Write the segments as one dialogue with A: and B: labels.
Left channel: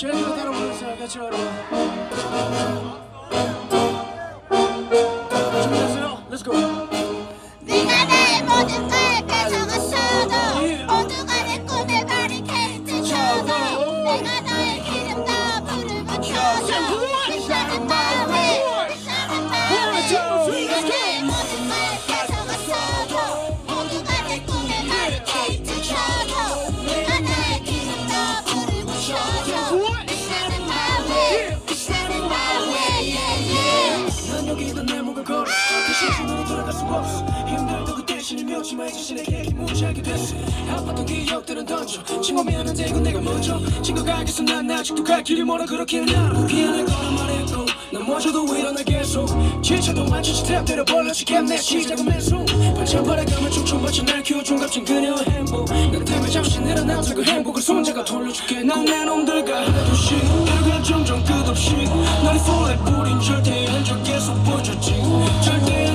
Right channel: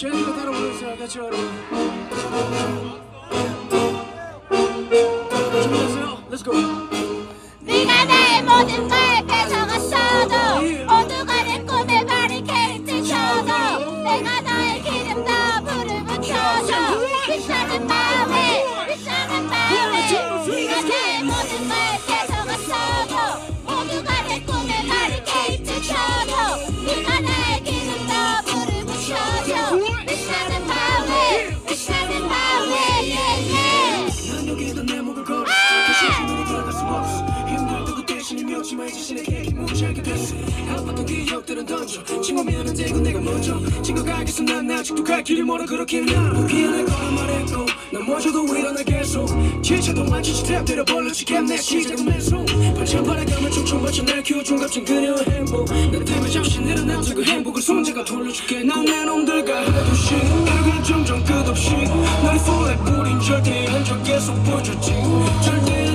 A: 것처럼 준비됐어요? Let's go
B: 네가 내 모든 걸 가져갔어도 모두가 내 꿈에 바리케이트 쳐도 내가
A: 그 대신에 묘지마. 이 자신의 계획이 무지하게 됐어. 아팠던 기억들은 던져. 친구 미안한데 이건 내가 먼저. 친구가 알겠어. 난 아직도 갈 길이 멀어. 그렇게 나 포기할 거란 말했고. 넘어져도 일어나 계속. 지쳐도 완전 스텝 때려 벌려지겠네 시작은 맨손 반찬 바라 감을 춤춰봤자 날 키워준 값진 그녀의 행복. 나 때문에 잠시 늘어나서 그 행복을 손자가 돌려줄게. 난내 놈들과 하나둘씩 그리고 점점 끝없이 한적 계속 보여줬지 절대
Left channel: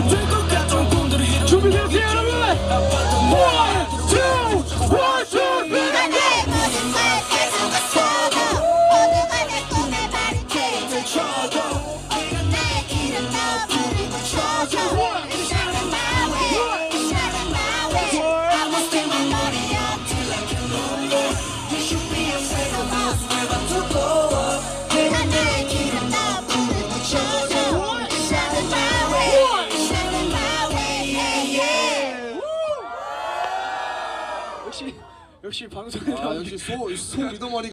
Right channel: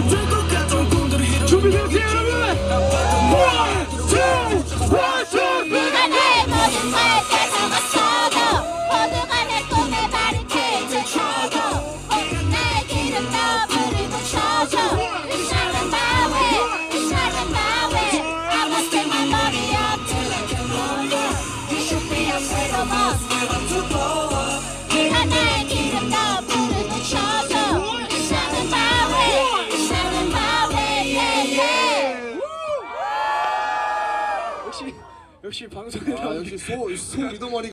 A: 역시 역시 방송에
C: 아 역시 소, 소 리더머리